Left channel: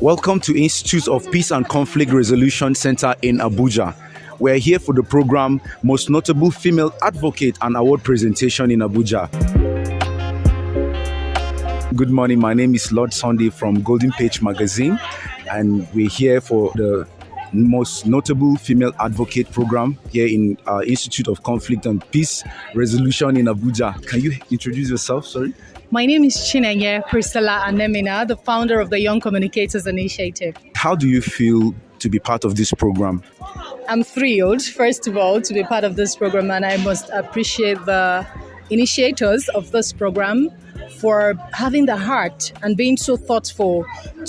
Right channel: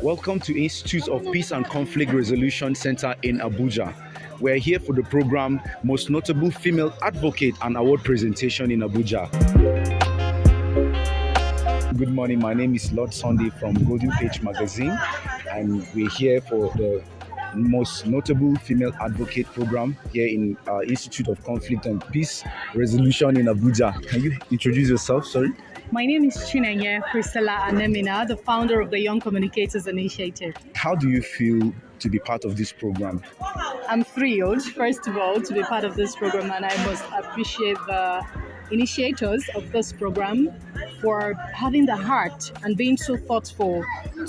Welcome to Institute of Peace and Conflict Resolution Center in Abuja. We're here for the program Most Notable Female Advocate and Award Presentation in Abuja. Good morning, my name is Lord Sunday from Golden Page Magazine, and we're here for the Most Notable Female Advocate program here in Institute of Conflict and Peace Resolution in Abuja. Can you introduce yourself? Sorry. My name is Chinenye Priscilla Anemina, the founder of the Young Communicators Initiative. How do you feel to be part of this program? I'm thrilled, first of all, to be part of this program, and I must appreciate the initiators of this program for having the heart and being so thoughtful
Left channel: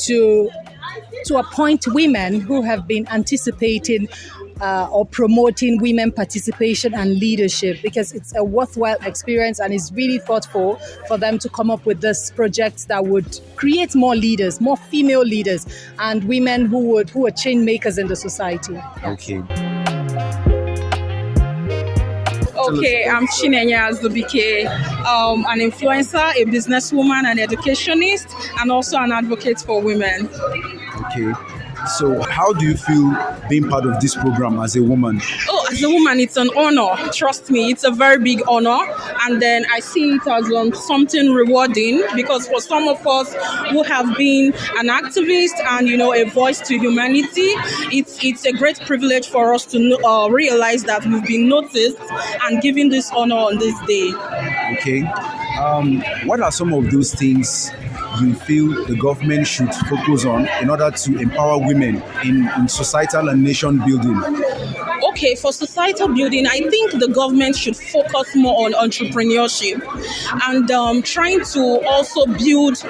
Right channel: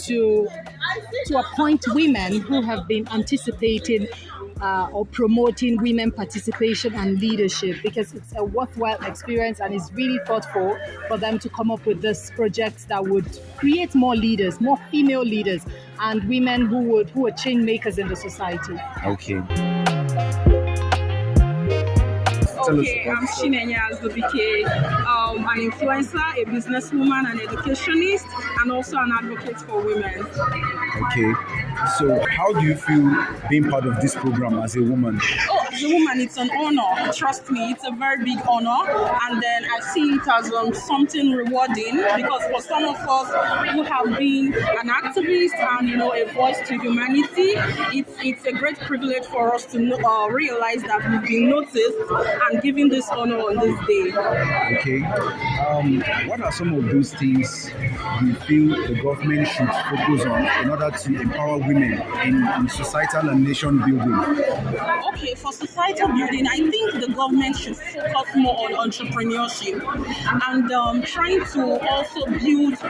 to appoint women who have been anticipating or promoting women participation and leadership, because it's a worthwhile experience and it's really thoughtful for them to come up with this project that would create more leaders, more female leaders, and women who are change makers in the society. Okay. Okay, I'm Chinenye Azubike, an influencer, a businesswoman, an educationist, and also an advocate for women. Okay. So how do you feel being part of this program as a woman? Oh, as a woman, it's an honor. Trust me, it's a very big honor. And then I see it as something rewarding, because for some of us who have been an activist and, a voice to humanity, it's a great privilege for us to realize that we've been noticed and given this honor on this day. Okay. What are some of those things you feel the government should focus on in order to empower women in societal and nation building? Okay, for societal building, I think the government should focus more on entrepreneurship and trying to also build,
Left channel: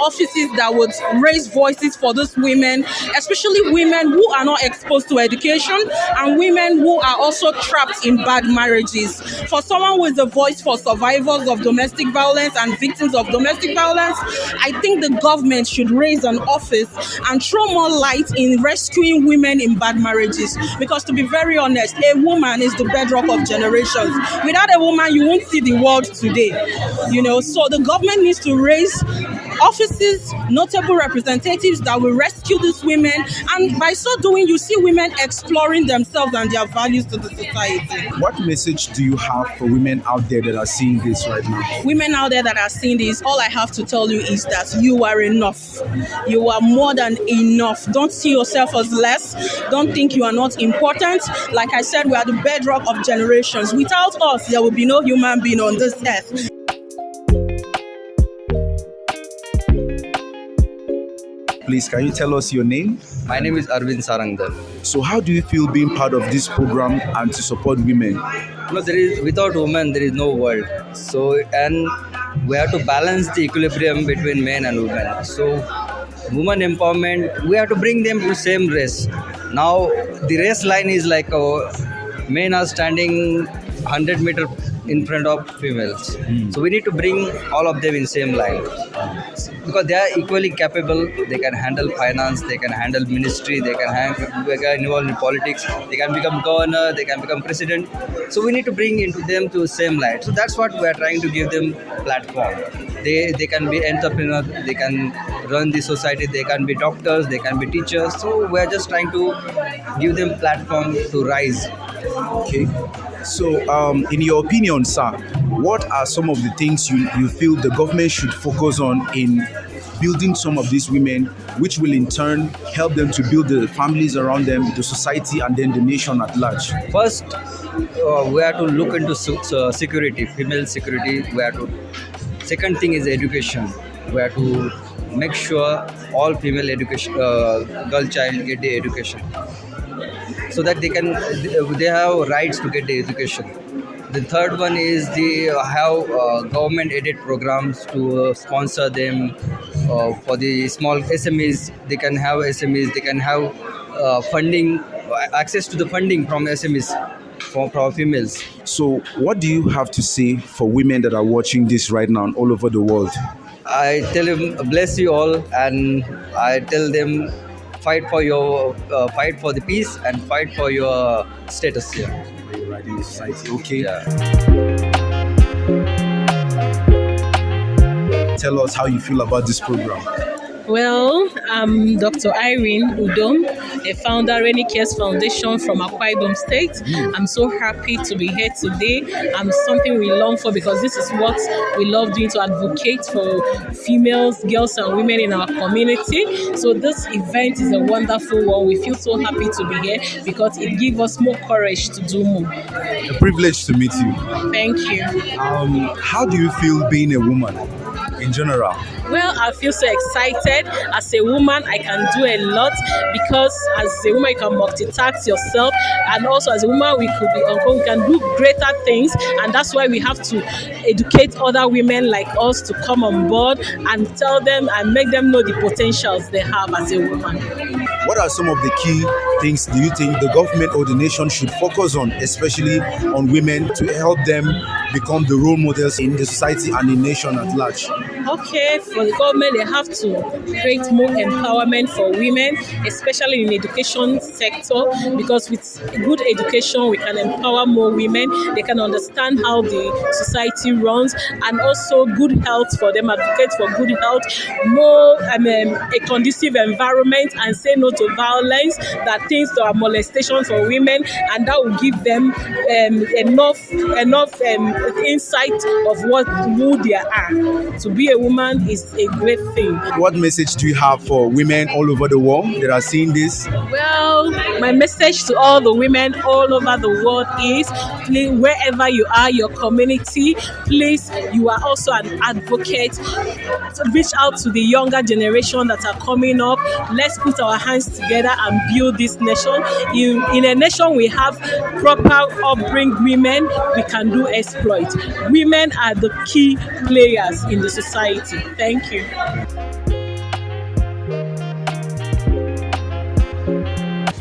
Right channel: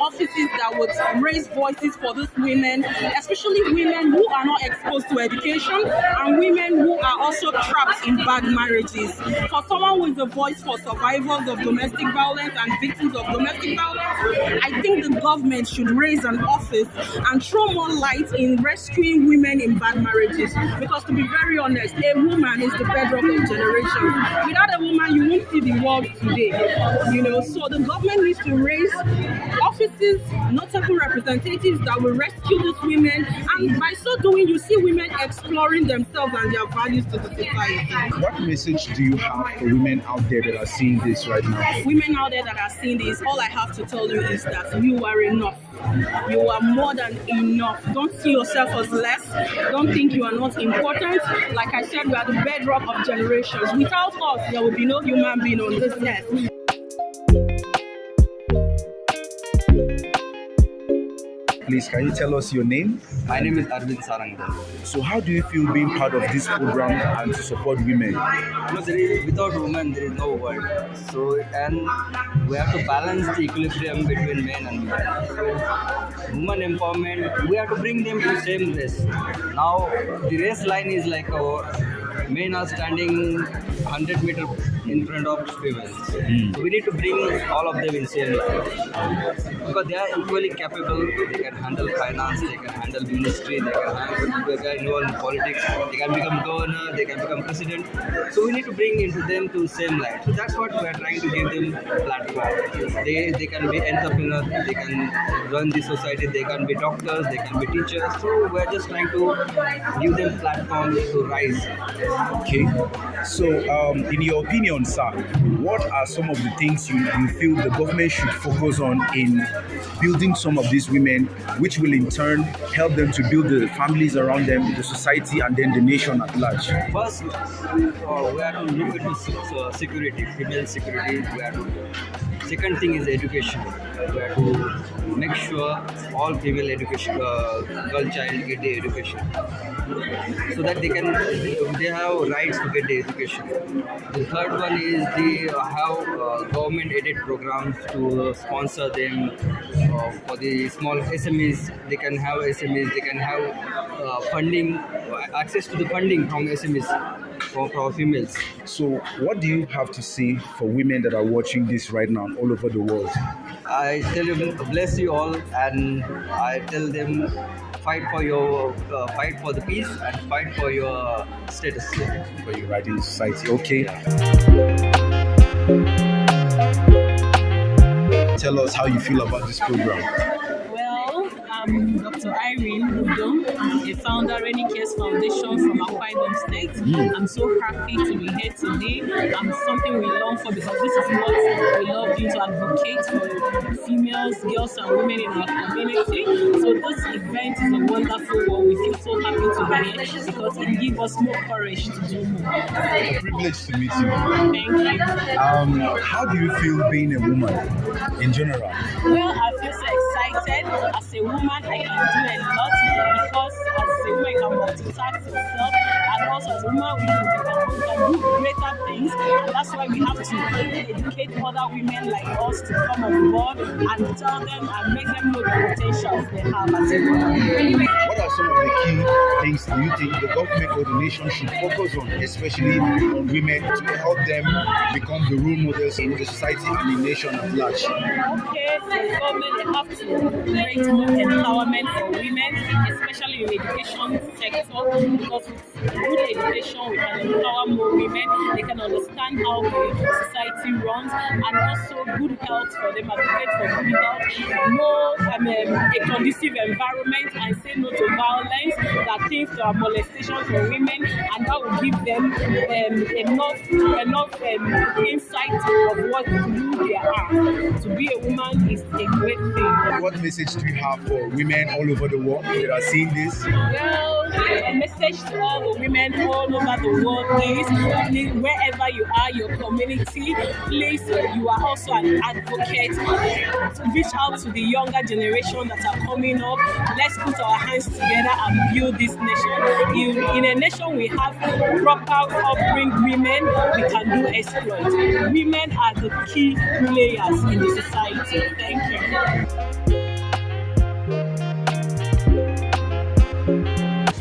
offices that would raise voices for those women, especially women who are not exposed to education and women who are also trapped in bad marriages. For someone who is a voice for survivors of domestic violence and victims of domestic violence, I think the government should raise an office and throw more light in rescuing women in bad marriages. Because to be very honest, a woman is the bedrock of generations. Without a woman, you won't see the world today. So the government needs to raise offices, notable representatives that will rescue these women. And by so doing, you see women exploring themselves and their values to the society. What message do you have for women out there that are seeing this right now? Women out there that are seeing this, all I have to tell you is that you are enough. You are more than enough. Don't see yourself as less. Don't think you are not important. Like I said, we are the bedrock of generations. Without us, there will be no human being on this earth. Please, can you tell us your name? My name is Arvind Sarangdar. So how do you feel being part of this program and to support women? Without women, there is no world. So, and we have to balance the equilibrium between men and women. So, women empowerment, we have to bring them to the same race. Now, the race line is like men are standing 100 meters in front of females. So we need to bring all of them in same line, because they are equally capable. They can handle finance, they can handle ministry, they can get involved in politics, they can become governor, they can become president. So we need to bring into them to the same line. So that's what we are trying to give them platform. They can be entrepreneurs, they can run the society, they can be doctors, they can be teachers. So we are just trying to give them platform to rise. Okay. So, in your opinion, sir, what are some of the things you feel the government should focus on in building some of these women, which will in turn help them to build the families around them, the society, and then the nation at large? First, we have to look into security, female security. Second thing is education. We have to make sure all female education, girl child get the education, so that they have rights to get the education. The third one is they have government aided programs to sponsor them for the small SMEs. They can have SMEs. They can have funding, access to the funding from SMEs for females. So what do you have to say for women that are watching this right now all over the world? I tell them, bless you all, and I tell them, fight for the peace and fight for your status here. For your right in society. Okay. Yeah. Tell us how you feel about this program. Well, I'm Dr. Irene Udom, a founder Rainy Cares Foundation from Akwa Ibom State. I'm so happy to be here today. I'm something we long for because this is what we love doing, to advocate for females, girls, and women in our community. So this event is a wonderful one. We feel so happy to be here because it gives us more courage to do more. A privilege to meet you. Thank you. How do you feel being a woman in general? Well, I feel so excited. As a woman, I can do a lot because as a woman, you can multitask yourself, and also as a woman, we can do greater things, and that's why we have to educate other women like us to come on board and tell them and make them know the potentials they have as a woman. What are some of the key things do you think the government or the nation should focus on, especially on women, to help them become the role models in the society and the nation at large? Okay, for the government, they have to create more empowerment for women, especially in the education sector, because with good education, we can empower more women. They can understand how the society runs, and also good health for them, advocate for good health, more a conducive environment, and say no to violence, that things to molestation for women, and that will give them enough insight of who they are. To be a woman is a great thing. What message do you have for women all over the world that are seeing this? Well, my message to all the women all over the world is, please, wherever you are, your community, please, you are also an advocate. Reach out to the younger generation that are coming up. Let's put our hands together and build this nation. In a nation we have proper upbringing women, we can do exploit. Women are the key players in the society. Thank you.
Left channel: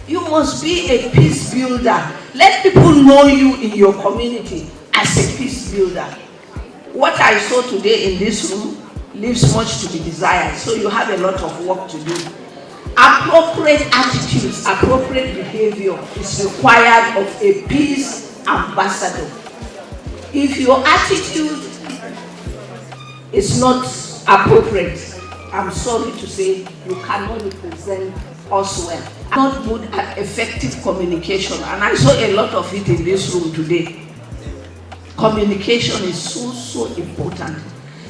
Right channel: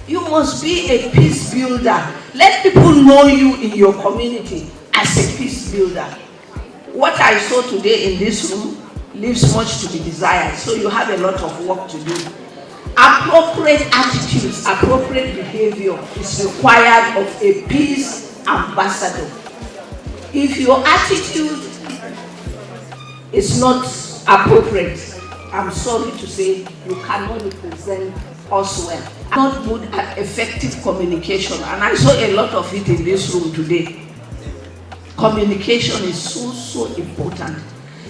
You must be a peace builder. Let people know you in your community as a peace builder. What I saw today in this room leaves much to be desired, so you have a lot of work to do. Appropriate attitudes, appropriate behavior is required of a peace ambassador. If your attitude is not appropriate, I'm sorry to say, you cannot represent us well. Not good at effective communication, and I saw a lot of it in this room today. Communication is so important.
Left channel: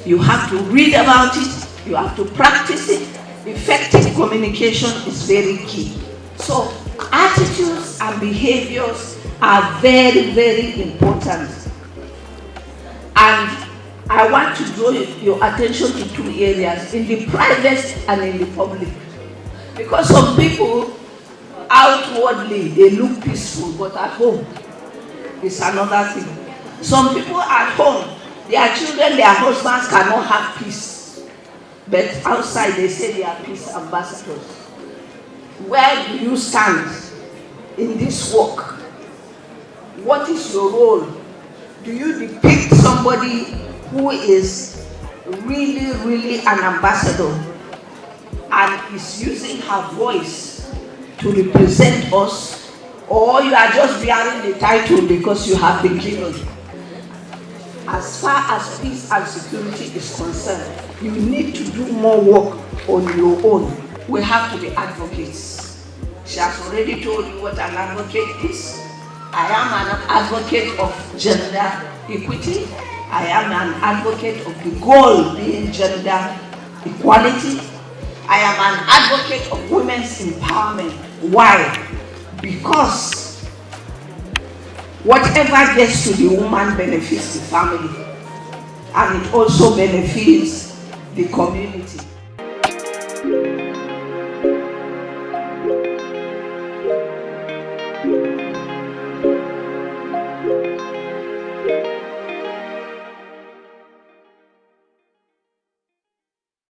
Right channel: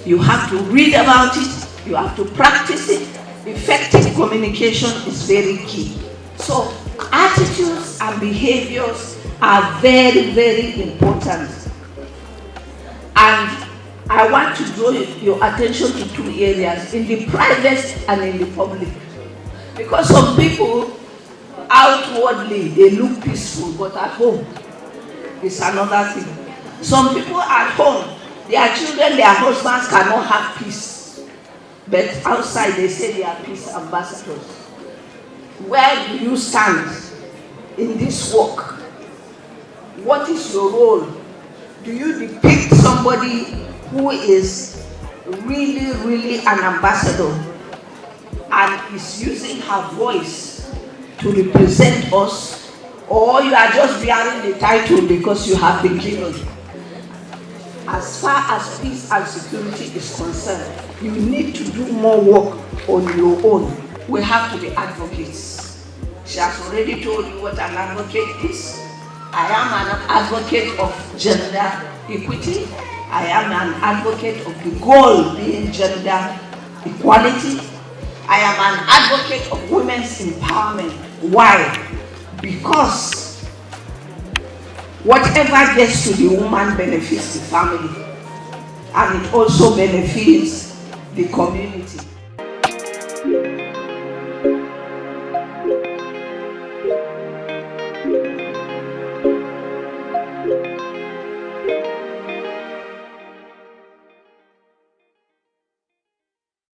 You have to read about it, you have to practice it. Effective communication is very key. So attitudes and behaviors are very important. And I want to draw your attention to two areas, in the private and in the public. Because some people, outwardly, they look peaceful, but at home, it's another thing. Some people at home, their children, their husbands cannot have peace. But outside, they say they are peace ambassadors. Where do you stand in this work? What is your role? Do you depict somebody who is really an ambassador and is using her voice to represent us, or you are just bearing the title because you have been given? As far as peace and security is concerned, you need to do more work on your own. We have to be advocates. She has already told you what an advocate is. I am an advocate of gender equity. I am an advocate of the goal being gender equality. I am an advocate of women's empowerment. Why? Because whatever gets to the woman benefits the family, and it also benefits the community.